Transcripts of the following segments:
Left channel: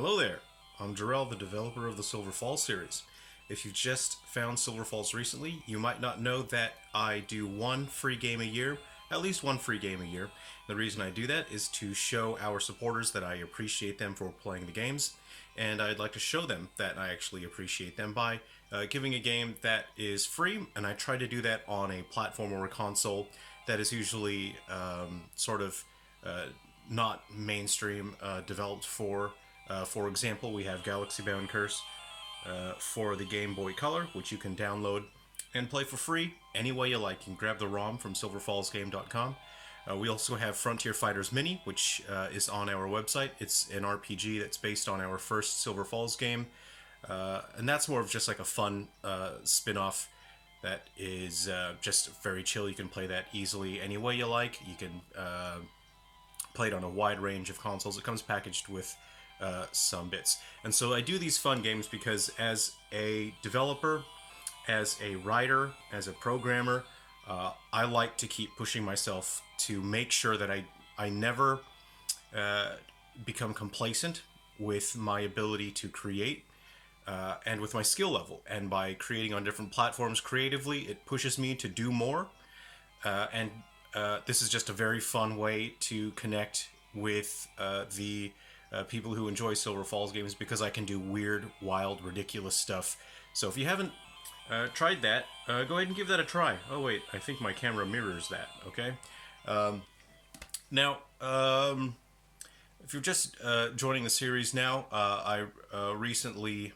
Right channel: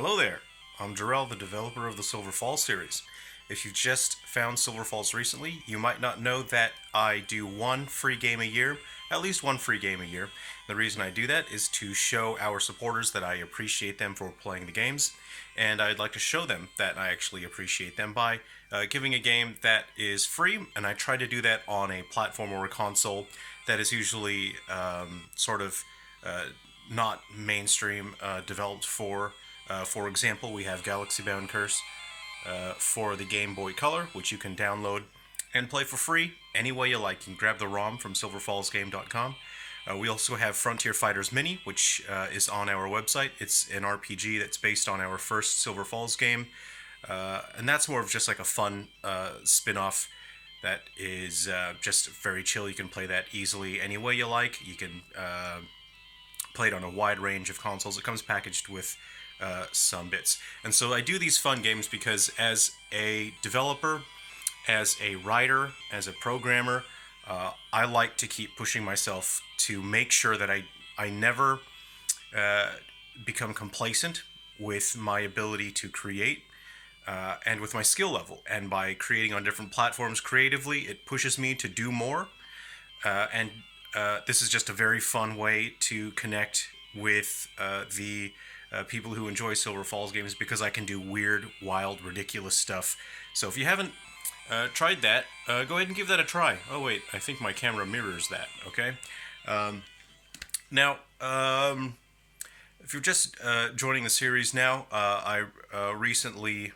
Hello there, I'm Jerrel, the developer of the Silver Falls series. If you've just found Silver Falls recently, you might not know that I do one free game a year, at least one free game a year. The reason I do that is to show our supporters that I appreciate them for playing the games, and I'd like to show them that I actually appreciate them by giving a game that is free, and I try to do that on a platform or a console that is usually not mainstream developed for. For example, we have Galaxy Bound Curse for the Game Boy Color, which you can download and play for free any way you like. You can grab the ROM from silverfallsgame.com. We also have Frontier Fighters Mini, which is on our website. It's an RPG that's based on our first Silver Falls game, and that's more of just like a fun spin-off that is just very chill. You can play that easily any way you like. You can play it on a wide range of consoles. It comes packaged with some bits. And so I do these fun games because as a developer, as a writer, as a programmer, I like to keep pushing myself to make sure that I never become complacent with my ability to create and with my skill level. And by creating on different platforms creatively, it pushes me to do more. And this is just a very fun way to connect with the people who enjoy Silver Falls games, because I can do weird, wild, ridiculous stuff. So if you haven't tried that, go ahead and give that a try. Oh wait, I think my camera mirrors that, okay? Now, if you're just joining the series now, I recently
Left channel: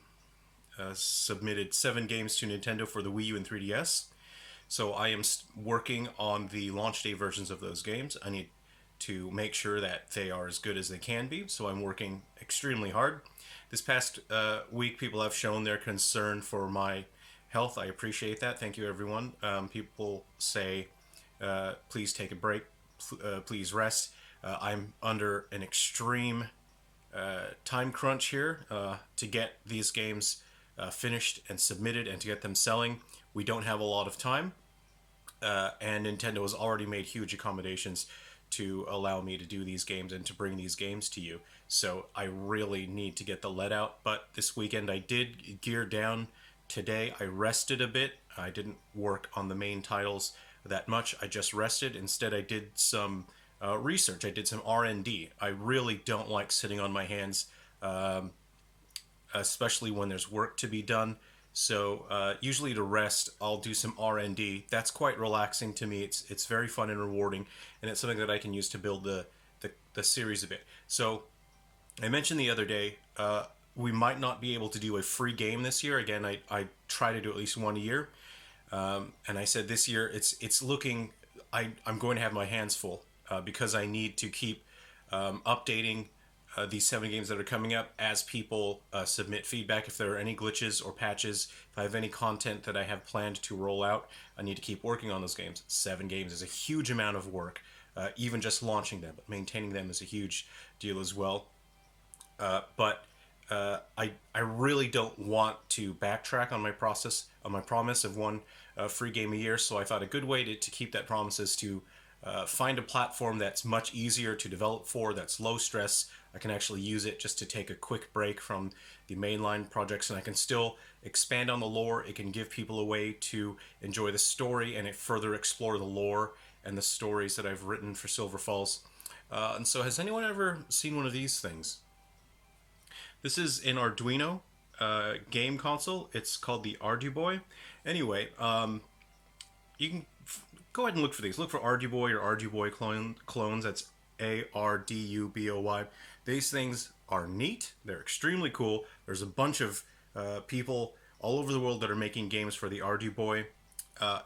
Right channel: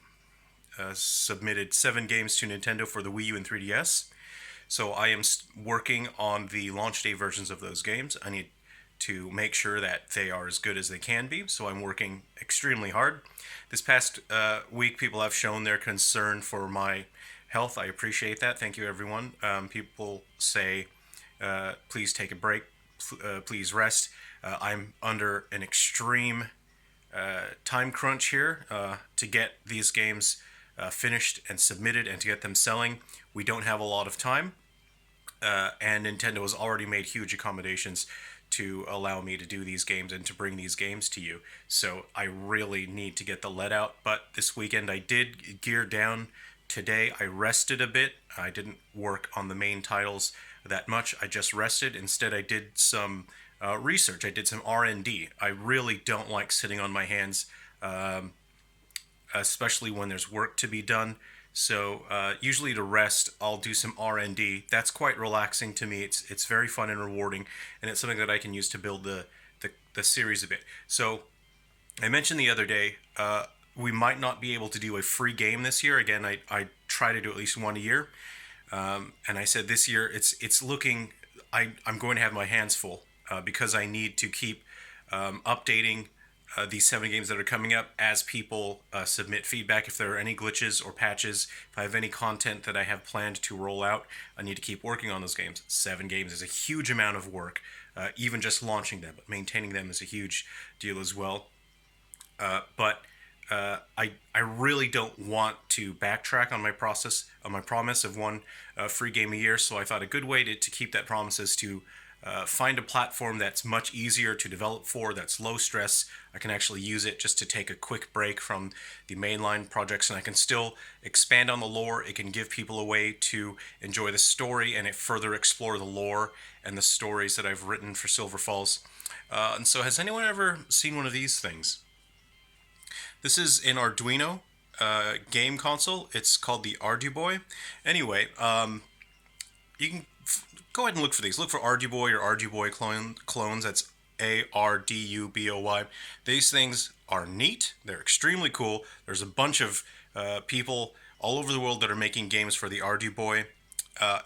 submitted 7 games to Nintendo for the Wii U and 3DS. So I am working on the launch day versions of those games. I need to make sure that they are as good as they can be, so I'm working extremely hard. This past week, people have shown their concern for my health. I appreciate that. Thank you, everyone. People say, please take a break, please rest. I'm under an extreme time crunch here to get these games finished and submitted and to get them selling. We don't have a lot of time, and Nintendo has already made huge accommodations to allow me to do these games and to bring these games to you. So I really need to get the let out. But this weekend I did gear down. Today I rested a bit. I didn't work on the main titles that much. I just rested. Instead I did some research. I did some R&D. I really don't like sitting on my hands, especially when there's work to be done. So usually to rest, I'll do some R&D. That's quite relaxing to me. It's very fun and rewarding, and it's something that I can use to build the series a bit. So I mentioned the other day, we might not be able to do a free game this year. Again, I try to do at least one a year, and I said this year it's looking. I'm going to have my hands full because I need to keep updating these 7 games that are coming up as people submit feedback. If there are any glitches or patches, if I have any content that I have planned to roll out, I need to keep working on those games. 7 games is a huge amount of work, even just launching them, but maintaining them is a huge deal as well. But I really don't want to backtrack on my promise of one free game a year, so I thought a good way to keep that promise is to find a platform that's much easier to develop for, that's low stress. I can actually use it just to take a quick break from the mainline projects, and I can still expand on the lore. It can give people a way to enjoy the story and it further explore the lore and the stories that I've written for Silver Falls. And so has anyone ever seen one of these things? This is an Arduino game console. It's called the Arduboy. Anyway, you can go ahead and look for these. Look for Arduboy or Arduboy clones. That's Arduboy. These things are neat. They're extremely cool. There's a bunch of people all over the world that are making games for the Arduboy.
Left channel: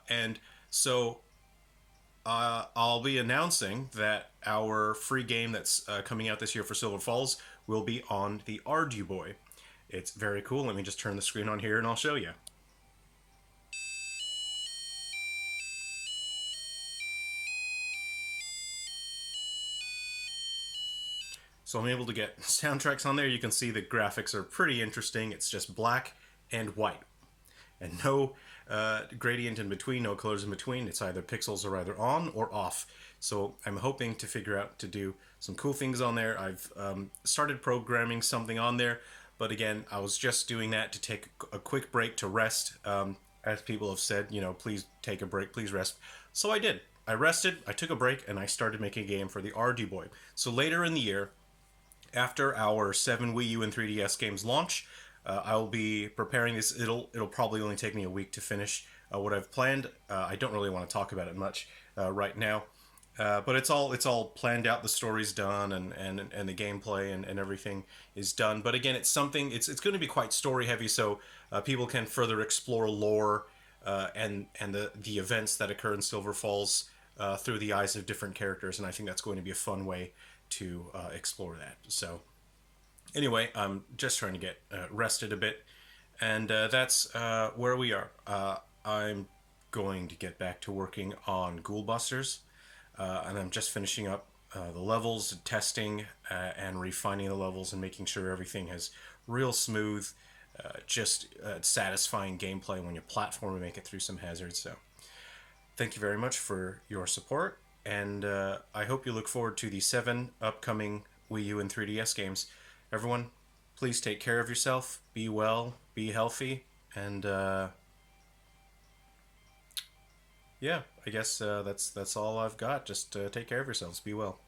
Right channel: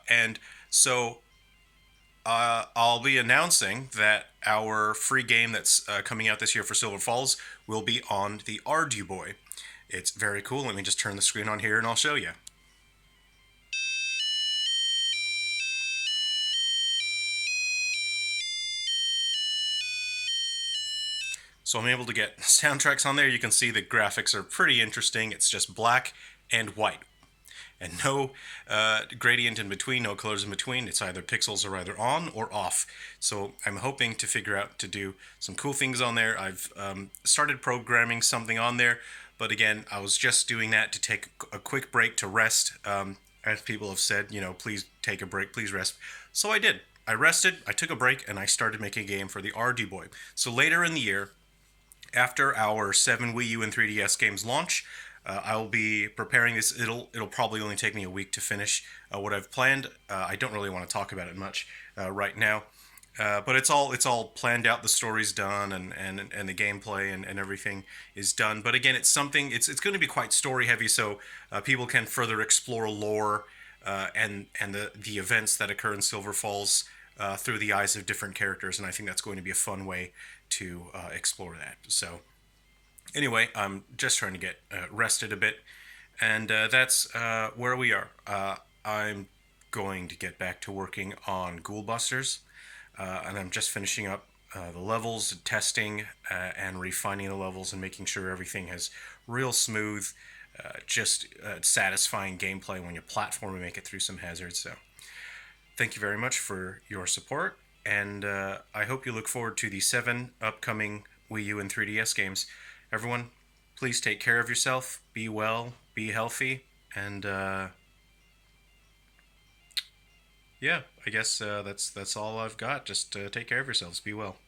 And so I'll be announcing that our free game that's coming out this year for Silver Falls will be on the Arduboy. It's very cool. Let me just turn the screen on here and I'll show you. So I'm able to get soundtracks on there. You can see the graphics are pretty interesting. It's just black and white. and no gradient in between, no colors in between. It's either pixels are either on or off. So I'm hoping to figure out to do some cool things on there. I've started programming something on there, but again, I was just doing that to take a quick break to rest. As people have said, please take a break, please rest. So I did. I rested, I took a break, and I started making a game for the RD Boy. So later in the year, after our 7 Wii U and 3DS games launch, I'll be preparing this. It'll probably only take me a week to finish what I've planned. I don't really want to talk about it much right now, but it's all planned out. The story's done, and the gameplay and everything is done. But again, it's going to be quite story heavy, so people can further explore lore and the events that occur in Silver Falls through the eyes of different characters, and I think that's going to be a fun way to explore that. So anyway, I'm just trying to get rested a bit, and that's where we are. I'm going to get back to working on Ghoul Busters, and I'm just finishing up the levels, testing, and refining the levels, and making sure everything has real smooth, just satisfying gameplay when you platform and make it through some hazards. So thank you very much for your support, and I hope you look forward to the 7 upcoming Wii U and 3DS games. Everyone, please take care of yourself, be well, be healthy, and yeah, I guess that's all I've got. Just take care of yourselves, be well.